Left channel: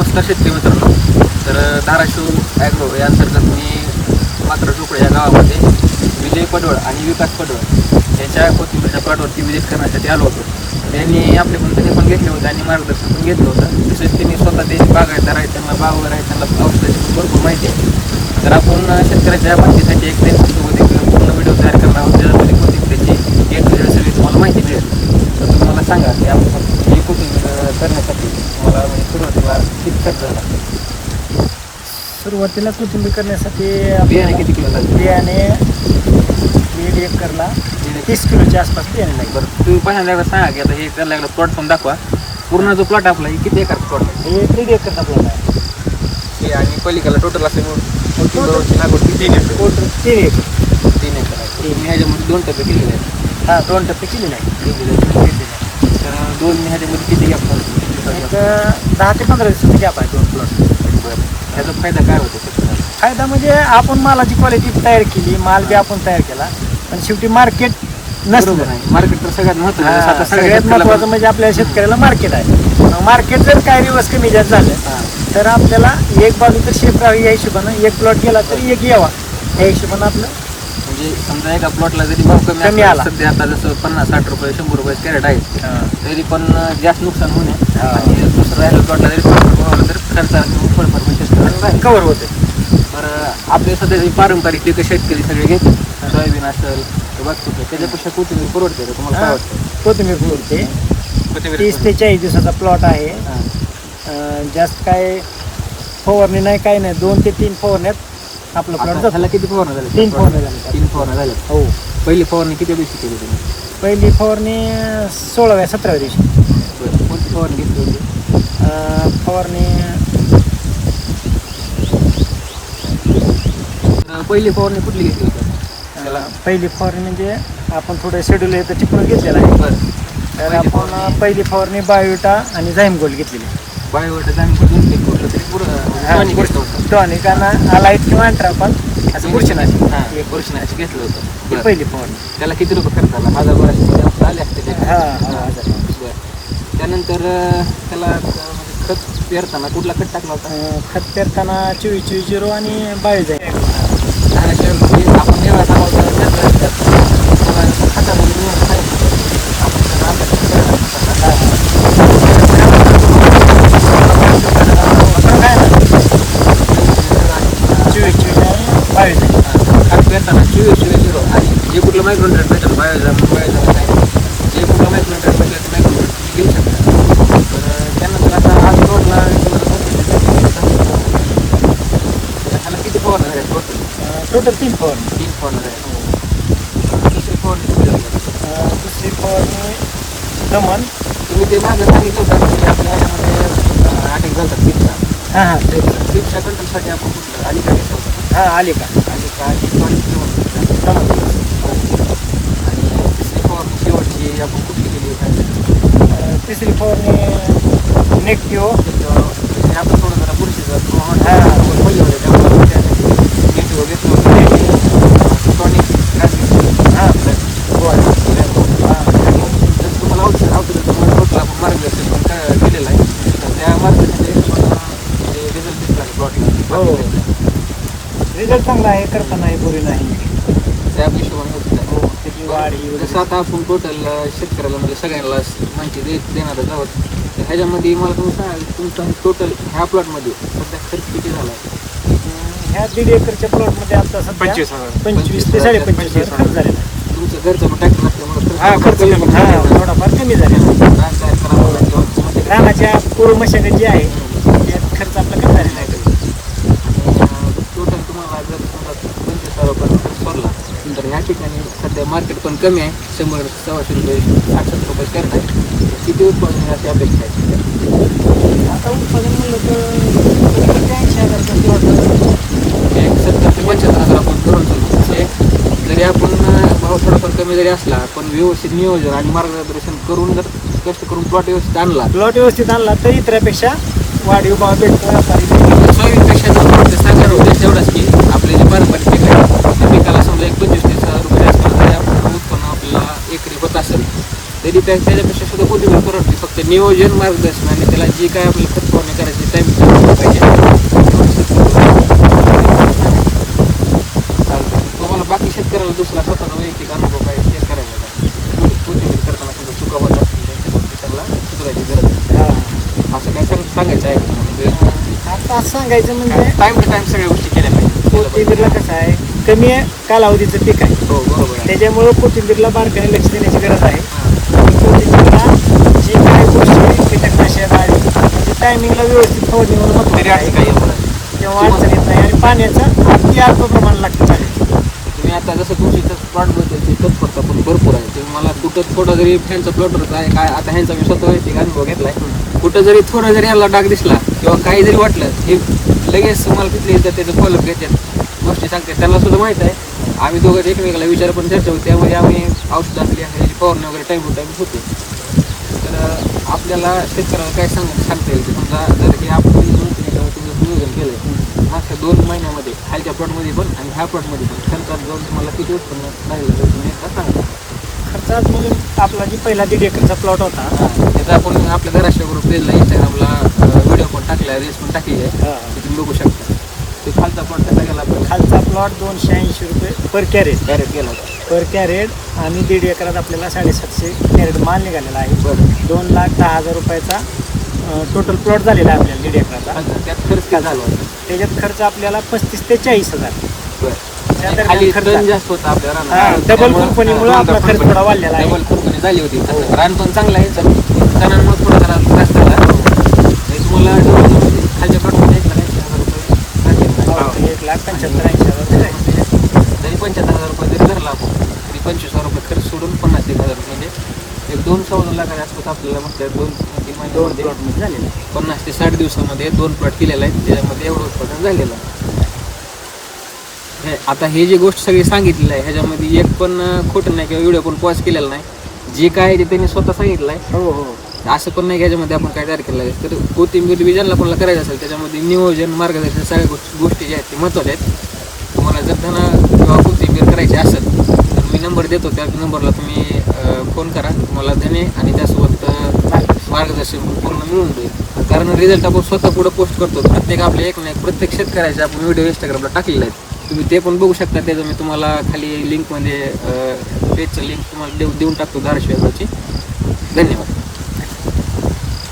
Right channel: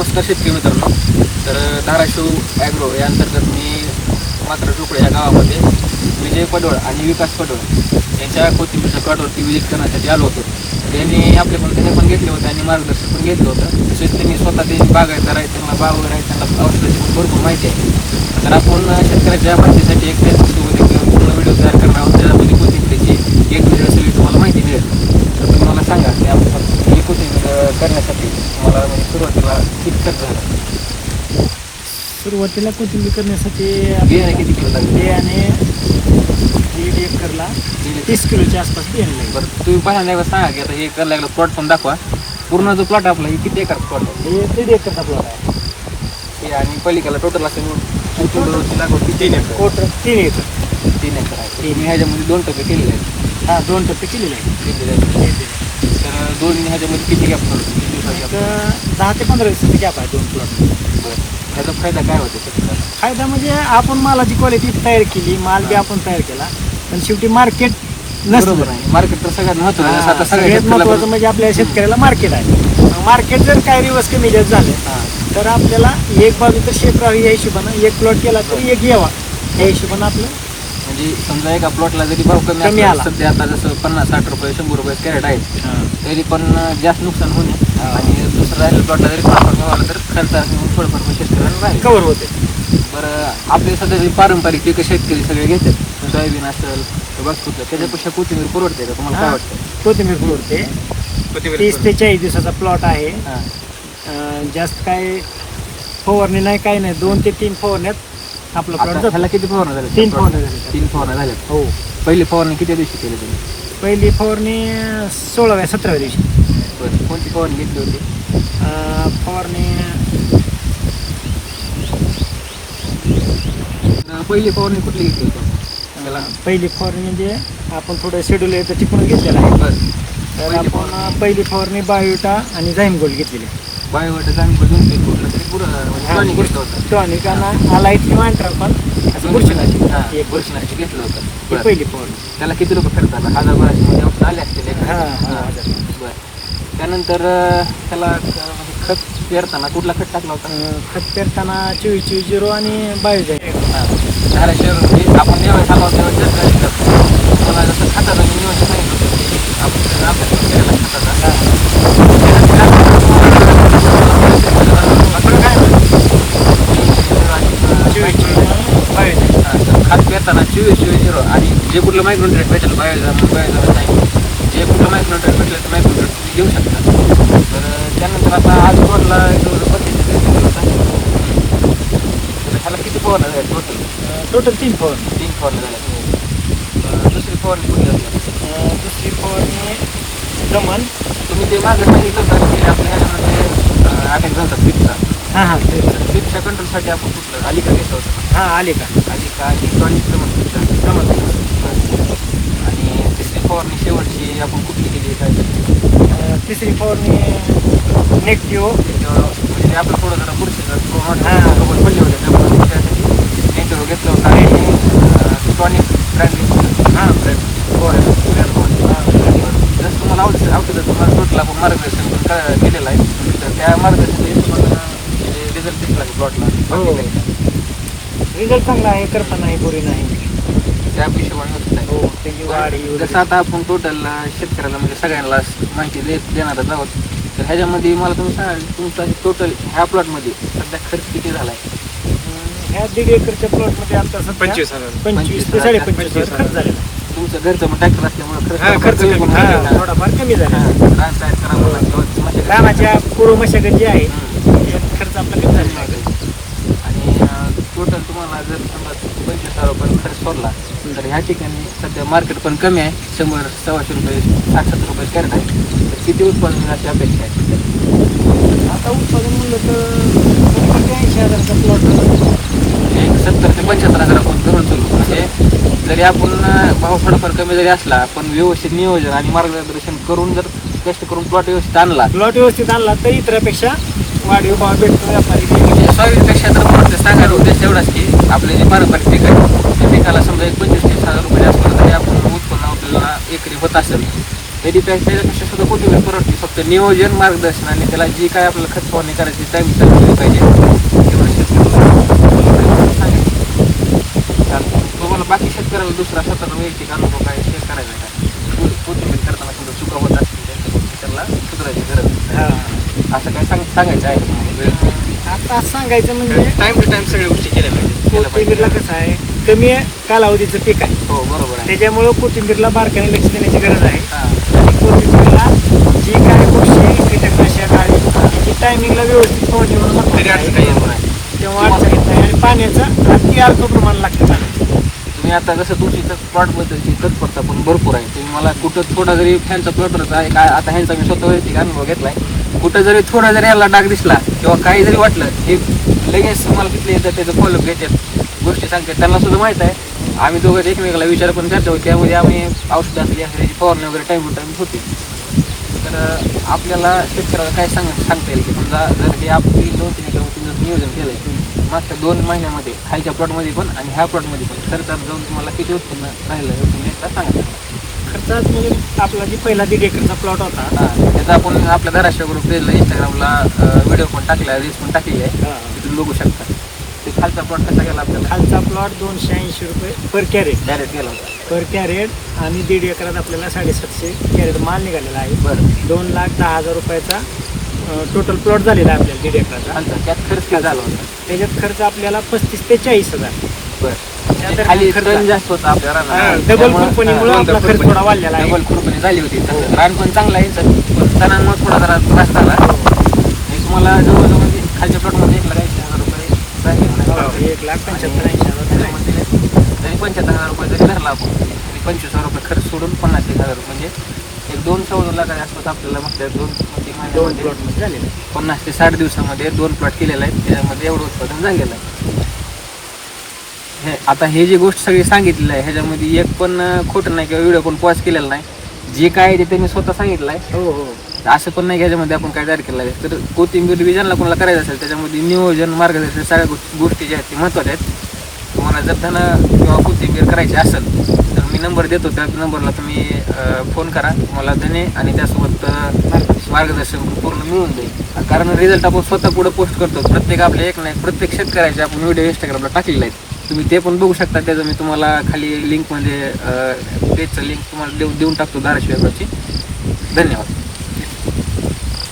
नमस्कार शेतकरी मित्रांनो. तर धाराशिव ॲग्रो या अंतर्गत मी मात्र झोपडे या गावामध्ये विजय पडवळ आणि विकास पडवळ यांच्या कोथिंबीरच्या प्लॉटवरती विजिट करण्यासाठी आलो होतो. तर यांनी आपल्याकडून त्याने पण घेतले होते आणि मार्गदर्शन पण घेतलं होतं. तसेच त्यांनी स्वतः ते बागायतदार आहेत, त्यांना बागावर आहेत, त्यांना औषधाची भरपूर माहिती आहे. तर आपण शेतकऱ्याच्या माहितीसाठी एक फेसबुकमध्ये पूर्ण व्हिडिओ तयार करणार आहोत, त्याच्यामध्ये कोथिंबीरची एक व्हिडिओ सगळी तुम्हाला माहिती मिळेल. तर तुम्ही मला सांगा की ही कोथिंबीर करण्यासाठी मला म्हणजे सुरुवातीला किती खर्च झाला? सुरुवातीला कोथिंबीर करण्यासाठी बियाणे किती किलो लागले? बियाणे 1.5 एकरला 30 किलोच्या आसपास बियाणे लागेल. बरं, तुम्ही पहिल्यांदा एकदा सांगा की आता हे करायला लागलं प्लॉट पण दाखवा. पूर्ण जो प्लॉट आपला हे किती एकर प्लॉट आहे? हे 1.5 एकरचा प्लॉट आहे. हे आणि पलीकडला टोटल असेल कोथिंबीरची लागवड किती एकर? Total 3 acre. 3 एकर आहे. तर तुम्ही ह्याच्यामध्ये 2 टप्पे केलेले आहेत. हा 2 टप्पे केलेले आहे. तर 2 ह्याच्यामध्ये किती गॅप झालं? किती दिवसाचा एक gap? 10 ते 15 दिवसाचा गॅप आहे 2 प्लॉट. बरं, ह्याचा फायदा काय होतो शेतकऱ्याला? फायदा म्हणजे आपण मालाची क्वालिटी तयार केली, माल बी आपण तयार केला, पण शेवटी मार्केट नसतं. बरोबर आहे, मार्केट तर सगळ्यात महत्त्वाचं आहे. आता सगळ्यात महत्वाचं म्हणजे आपल्या शेतकऱ्याला मार्केट आहे. मार्केट जर काय रिवर्स कमी जास्त झालं हां तर आपल्याला एक बाजू तर शेप राहावी या हिशोबानं, एक प्लॉट गेला तर एक यावा या हिशोबानं आपलं. म्हणजे समजा एका प्लॉटला जरी भाव कमी कमी आला, आला. सध्या आता जसं 50-60 रुपये 100 रुपये कॅरेट आहे, तरी पण जास्त नुकसान होणे आणि दुसरं राहिलं प्लॉटला जरी भाव आला तर खर्चात थोडंफार शेतकऱ्याला राहील. कव्हर होते. बरं, आपले सध्या जे पारंपरिक पिकं शेतकरी सगळे घेतात, सोयाबीन असेल तर बघतो त्याच्यापेक्षा कोथिंबीर परवडते का? तुम्हाला काय वाटतं? कोथिंबीर पुरवते. 30 ते 40 दिवसाचा प्लॉट आहे. हां, जास्त काय फवारणी नाही, काय नाही. 2 ते 3 फवारण्यात आपला प्लॉट आता जातो. ह्याला किती फवारण्या झाल्या? 3 फवारण्या झाल्या. 3 फवारण्या झाल्या. हो. पहिली फवारणी किती दिवशी केली तुम्ही? पहिली फवारणी 16व्या-17व्या दिवशी. बरं, कोणती फवारणी घेतली होती? फवारणी पहिली फवारणी कुठली घेतली होती आपण? त्याला पहिली फवारणी म्हणजे आपण थोडं शेड्यूल येतं टिपून घेतलेलं आहे. बरं, तर आपण पहिली फवारणी बायोटा आणि झाईम गोल्ड घेतलेली. बायोवट आम्ही 2 पीक कुठलं तरी पुरं घेतलं होतं. टॉनिक आणि आलाईट किंवा अँट्रा पण असं बुरशीनाशक हां, एक बुरशीनाशक घेतलं होतं. ही बरं. पहिली फवारणी. त्याला किती रुपये खर्च आला? 1000-1200 मध्ये आले असते ते. हां बरं, त्यानंतर त्याला म्हणजे खत पेरताना कुठला खत टाकला होता? खत पेरताना 24-24-0 आणि बायोजाईम. धाराशिव म्हणजे आपण जेव्हा सांगावं तेव्हा मला जसं खताचं नियोजन सांगितलं होतं आपण त्यांना अभ्यास केलेला आहे खताचा. फरक आहे ना 24-24 खात पेरताना 24-24-0 आणि जे कुठलं मायक्रोन्युट्रेंट भेटेल बायोजाम सांगितलं, जे कुठलं मायक्रोन्युट्रेंट भेटलं ते मायक्रोन्युट्रेंट घेऊ शकता. तर त्यानंतर आता आज रोडला ह्याला किती फवारण्या झाल्या टोटल? टोटल 3 फवारणी. 3 फवारण्या झाल्या. दुसरी फवारणी कुठली झाली? दुसरी फवारणी दमन. तुम्ही ते मागे सांगितलं होतं की आपल्या ह्याच्यामध्ये अटॅक झाला पिकचा. हां पिकच्या कंट्रोलसाठी आपण कुठलं आलिका घेतलं होतं? हां आले का आलिका आणि टॉनिक म्हणतात. दमन. आणि तिसरी फवारणी शेवटची आपण कुठली केली काय? तिसरी फवारणी नेगटिव्ह. म्हणजे आपण थोडं जरा बुरशीचं हां. पडले होते त्यामुळे त्यासाठी नेटवर घेतलं होतं आणि टॉनिक हां जर तुम्हाला औषधं तुम्हाला टोटल आपण मार्गदर्शन पण केलेलं आहे, तर त्या मार्गदर्शनाचे तुम्हाला रिझल्ट दिसला की प्लॉटला? हो. रिझल्ट चांगला आहे, करपा नाही, बोरी नाही. त्या हिशोबाने होत आहे. हो, त्याची वाढ ही जसं आता आपण टोटल शेतकऱ्याला म्हणजे सगळ्यांना माहिती देणारच आहोत. तर ह्याच्यामध्ये मला तुम्ही सांगा तुमचा टोटल ह्या प्लॉटमध्ये सध्या खर्च किती झाला आहे? ह्या 1.5 एकरच्या प्लॉटमध्ये आता सध्या 25 ते 25.5 हजार खर्च झालेला आहे. तुमचं घरचं पण ट्रॅक्टर असल्यामुळे खर्च थोडाफार कमी झाला. रानाच्या पूर्व मशागत जी आहे त्यात खर्च आपला कमी झालेला आहे. आणि टोटल तुम्हाला जर समजा 25,000 रुपये खर्च पडला तर ह्या ठिकाणी सध्या मार्केट पण कमी आहे. 100-125 रुपये 60-70 रुपये कॅरेट आहे. तर किती उत्पादन मिळण्याची अपेक्षा आहे? आता उत्पादन म्हणलं तर 80,000चा प्लॉट 70 ते 75,000 आपण धरून चालू. म्हणजे जरी आपण भाव थोडाफार कमी जरी असला पण व्यवस्थित नियोजन आणि मार्गदर्शन करून जर कष्ट करून प्लॉट व्यवस्थित आणला तर इतरापेक्षा वाढीव भाव भेटतो व्यापारी. सोयाबीनपेक्षा जर परत सांगायचा उद्देश तेवढाच की आपले जे पारंपरिक पीक आहे त्या पिकाला समजा 25-30 हजार रुपये असलं तरी आपण उत्पन्न आपल्याला एकरी होत असेल त्याच्यापेक्षा सुद्धा कोथिंबीर परवडते. फक्त नियोजन, मार्गदर्शन आणि त्याला जी काय आपल्याला खत फवारणी करायची टाइम केली पाहिजे. तुम्हाला बाकी शेतकऱ्याला दुसरा स्वतःचा वैयक्तिक अनुभव काय शेअर करायचा का? कोथिंबीर करताना सुद्धा चुका होत असतील त्यांच्या गोष्टी त्यांना सुधारायची गरज आहे. असं काय सांगायचं आहे का तुम्हाला? आता सांगायचं म्हणजे टाइम टू टाइम सगळ्या गोष्टी केल्या पाहिजे. कोथिंबीरला कसं आहे, कमी कालावधीचं पीक आहे. हो बरोबर आहे. त्याच्यामुळं कोथिंबीरला बारकाईने लक्ष देण्याची गरज आहे. हां आणि कोथिंबीरला जी काही गोष्टी कीटकनाशक आळी म्हणजे टायमिंगला व्यवस्थित फवारणी होणं महत्त्वाचं तरी आहे. असं काही येणार नाही. तेव्हा अडचण येत नाही. आणि पाण्याचं अति अल्प प्रमाण लागतं पाण्याचं. तुम्ही आता कसं तुमची प्लॉटबद्दलची तत्परता पण भरपूर आहे. तुम्ही मला कुठं थोडा जरी फॅनचा प्लॉटरचा आहे काय, आता ह्यांचा मी स्वतः वैयक्तिक अनुभव घेतलाय. कुठं जरी थोडा जरी याला डाग दिसला किंवा काही जरी वाटलं, हे लगेच मला तिथले येतात, त्याचं फॉलोअप घेतात, गोष्टी सांगतात. त्यांना सुद्धा माहीत आहे. आम्ही दोघं एकमेकाला विचार पण चर्चा होती. त्यामध्ये आम्ही औषधं असली त्याची फवारणी वगैरे टाईम टू टाईम होते. तर आपल्याला शेतकऱ्याला काय सांगता येईल की समजा जर हे आपण 2-3 एकरामध्ये तुम्ही नियोजन केलं आहे, मागच्या 2 महिन्यामध्ये खालच्या प्लॉटमध्ये पण आणि ह्या प्लॉटमध्ये पण खर्चात जाऊन तुम्हाला किती उत्पन्न राहिलं हे तुम्ही एकदा सांगा. खर्चात म्हणजे आपला जी पहिला 1.5 एकरचा प्लॉट होता, त्याचा आपण आपल्या धाराशिव ग्रुप पेजला इंस्टाग्रामला व्हिडिओ पण टाकला, रील्स पण टाकली आहे, तुम्ही बघू शकता. ते खालचा प्लॉट कसा गेला आपल्याला? खालचा प्लॉट 280 रुपये पर कॅरेट गेला होता. पर कॅरेट. आणि 1.5 एकरात आपल्याला 750 कॅरेट माल निघालेला आहे. बरं. 2,10,000 रुपयाचा टोटल प्लॉट झालेला आहे आपल्याला 1.5 एकराचा. खालचा त्यात खर्च काय झाला होता? त्याच्यात खर्च आपल्याला 35,000 ते 40,000. बरं. खाली खर्च जास्त होता आपल्या रानात. डबल खुरपणीमुळे आपला खर्च थोडा वाढलेला आहे. डबल खुरपणी झाली होती. रान पण चांगला आहे, सणांमुळे थोडा जरा त्रास झाला. हे तुम्हाला जवळजवळ खालच्या प्लॉटमध्ये 1,80,000 रुपये राहिले. 1,75,000 जरी 75,000 रुपये जरी धरला आपण, तरी 25,000 रुपये खर्च सोडून 50,000 रुपये म्हणजे एक 2-2.25 लाखाच्या आसपास आपल्याला मागच्या 2-3 महिन्यामध्ये प्लॉटमध्ये झालेला आहे. 50 ते 60 दिवसामध्ये 2 प्लॉट केलेला आहे. त्याच्यामध्ये एवढं उत्पादन झालेलं आहे. आता हे जी गोष्ट सगळी सांगितलेली आहे ह्याच्यामध्ये एक पण खोटं नाही किंवा व्हिडिओ पण पॉज केलेला नाही. जे काय ते त्यांनी स्वतः सांगितलं आहे. हो हो. असं पण नाही की ह्याच्यामध्ये आपण काय तयार केलं आहे. तर कोथिंबीर बी ज्यांना कोणाला करायचं असेल त्याच्यामध्ये नियोजन, मार्गदर्शन सगळ्या गोष्टी ज्या आहेत ते महत्त्वाच्या आहेत. तुम्हाला जर धन किंवा कोथिंबीर करायची असेल तर मी नंबर देतो, त्या नंबरला तुम्ही फोन करा. तुम्हाला धने आणि त्यासोबत मार्गदर्शन पूर्ण मिळून जाईल. कारण रिझल्ट आपण स्वतः पुढे पोस्ट करतो. प्रत्येक आपल्या एक नाही प्रत्येक शेतकऱ्याचे आपण व्हिडिओ इंस्टाग्रामला टाकलेले आहेत. तुम्ही ते पण बघू शकता. त्याचं मी तुम्हाला खाली लिंकमध्ये पेजचं लिंक तुम्हाला देऊन टाकतो धाराशिव ॲग्रोची. धन्यवाद.